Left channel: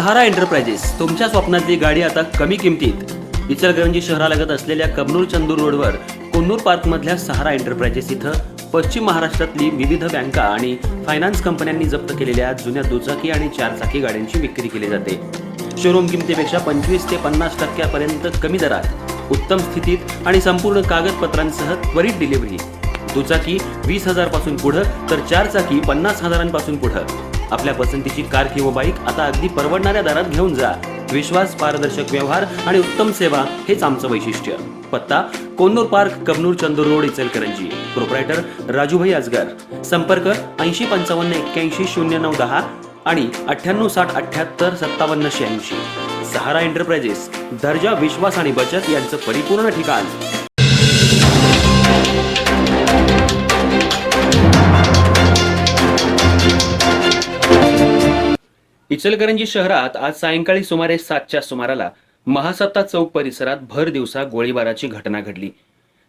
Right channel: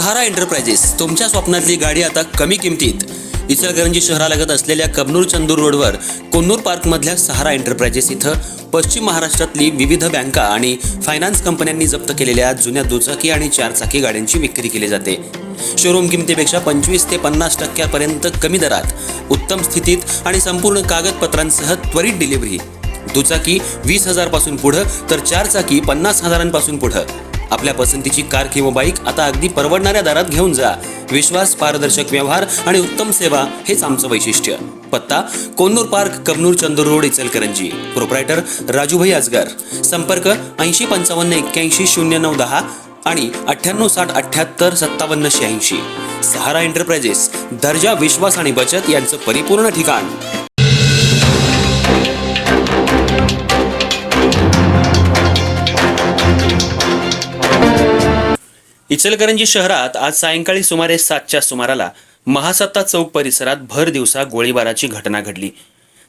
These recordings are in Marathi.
सहारा एंटरप्राइजेस तुमच्या स्वप्नातली गाडी आता कमी किमतीत. इचलकरंजी शहरालगत असलेल्या कबनूर चंदूर रोडवर कोन्नूर पार्कमधल्या सहारा एंटरप्राइजेस इथं पश्चिम महाराष्ट्रातली विविध बँका आणि फायनान्स कंपन्यांनी जप्त केलेल्या जुन्या दुचाकी आणि चारचाकी गाड्यांची विक्री केली जाते. शोरूम किमतीपेक्षा 25 ते 50% कमी दरात, उत्तम स्थितीत आणि संपूर्ण कागदपत्रांसह त्वरित डिलिव्हरी. दुचाकी 20,000 पासून पुढे तर चारचाकी 50,000 पुढे. आपल्या पसंतीची कार किंवा बाईक आता अगदी परवडणाऱ्या दरात घेऊन जा. विश्वास, पारदर्शक व्यवहार आणि उत्तम सेवा हेच आमचं वैशिष्ट्य. पत्ता Konnur park, Kabnur Chandur road, Ichalkaranji. Proprietor Rajubhai Ajgar. संपर्क 8055810910 आणि 9860785786. सहारा एंटरप्राइजेस, दर्जा, विश्वास आणि बचत यांचं परिपूर्ण ठिकाण. इचलकरंजी शहरात आज सायंकाळी सुमारे 7च्या सुमाराला महासत्ता चौक परिसरात भर दिवसा गोळीबाराची घटना घडली.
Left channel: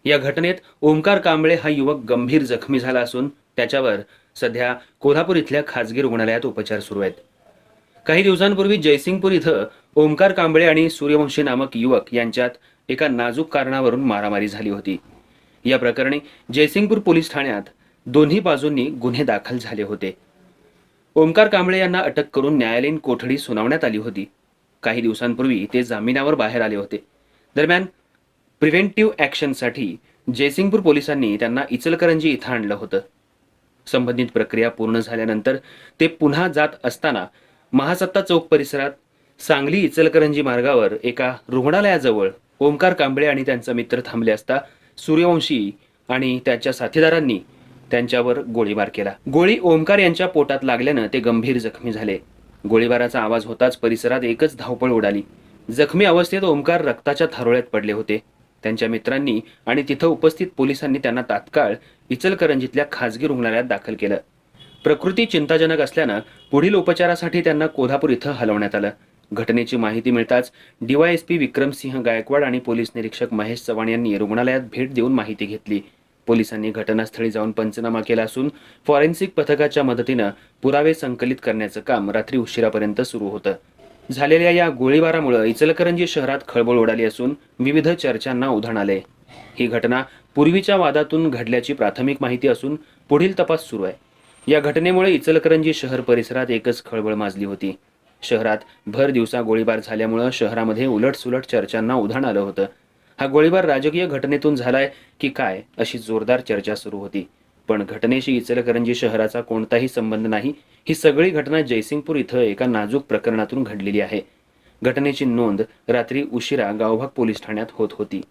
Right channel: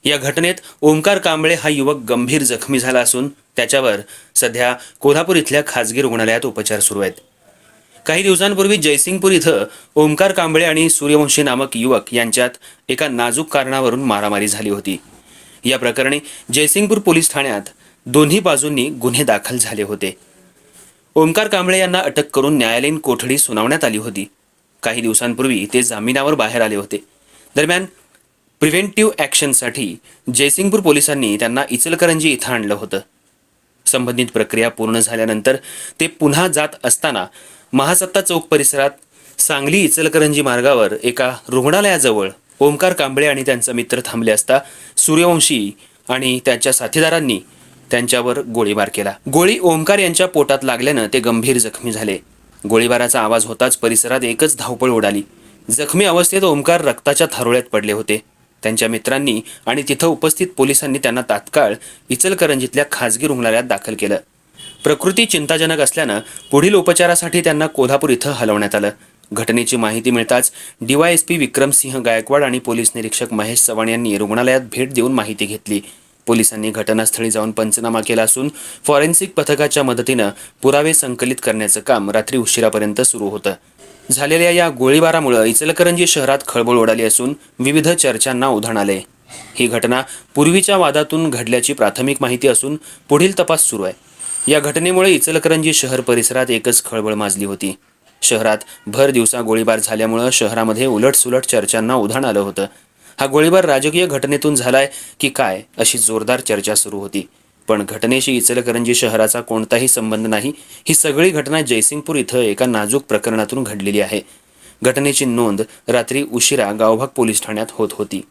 या घटनेत ओमकार कांबळे हा युवक गंभीर जखमी झाला असून त्याच्यावर सध्या कोल्हापूर इथल्या खासगी रुग्णालयात उपचार सुरू आहेत. काही दिवसांपूर्वी जयसिंगपूर इथं ओमकार कांबळे आणि सूर्यवंशी नामक युवक यांच्यात एका नाजूक कारणावरून मारामारी झाली होती. या प्रकरणी जयसिंगपूर पोलीस ठाण्यात दोन्ही बाजूंनी गुन्हे दाखल झाले होते. ओमकार कांबळे यांना अटक करून न्यायालयीन कोठडी सुनावण्यात आली होती. काही दिवसांपूर्वी ते जामिनावर बाहेर आले होते. दरम्यान प्रिव्हेंटिव्ह ॲक्शनसाठी जयसिंगपूर पोलिसांनी त्यांना इचलकरंजी इथं आणलं होतं. संबंधित प्रक्रिया पूर्ण झाल्यानंतर ते पुन्हा जात असताना महासत्ता चौक परिसरात सांगली इचलकरंजी मार्गावर एका रुग्णालयाजवळ ओमकार कांबळे आणि त्यांचा मित्र थांबले असता सूर्यवंशी आणि त्याच्या साथीदारांनी त्यांच्यावर गोळीबार केला. गोळी ओमकार यांच्या पोटात लागल्यानं ते गंभीर जखमी झाले. गोळीबाराचा आवाज होताच परिसरात एकच धावपळ उडाली. जखमी अवस्थेत ओमकार रक्ताच्या थारोळ्यात पडले होते. त्यांच्या मित्रांनी आणि तिथं उपस्थित पोलिसांनी त्यांना तात्काळ इचलकरंजीतल्या खासगी रुग्णालयात दाखल केलं. प्रकृती चिंताजनक असल्यानं पुढील उपचारासाठी त्यांना कोल्हापूर इथं हलवण्यात आलं. घटनेची माहिती मिळताच DYSP विक्रमसिंह गायकवाड आणि पोलीस निरीक्षक महेश चव्हाण यांनी रुग्णालयात भेट देऊन माहिती घेतली. पोलिसांनी घटनास्थळी जाऊन पंचनामा केला असून फॉरेन्सिक पथकाच्या मदतीनं पुरावे संकलित करण्याचं काम रात्री उशिरापर्यंत सुरू होतं. झालेल्या या गोळीबारामुळे इचलकरंजी शहरात खळबळ उडाली असून विविध चर्चांना उधाण आले. ही घटना पूर्वीच्या वादातून घडल्याची प्राथमिक माहिती असून पुढील तपास सुरू आहे. या घटनेमुळे इचलकरंजी शहर परिसरात एकच खळबळ माजली होती. शहरात भर दिवसा गोळीबार झाल्यामुळे शहरामध्ये उलटसुलट चर्चांना उधाण आलं होतं. हा गोळीबार राजकीय घटनेतून झालाय की काय अशी जोरदार चर्चा सुरू होती. पण घटनेशी इचलकरंजी शहराचा कोणताही संबंध नाही. ही सगळी घटना जयसिंगपूर इथं एका नाजूक प्रकरणातून घडलेली आहे. घटनेची नोंद रात्री उशिरा गावभाग पोलीस ठाण्यात होत होती.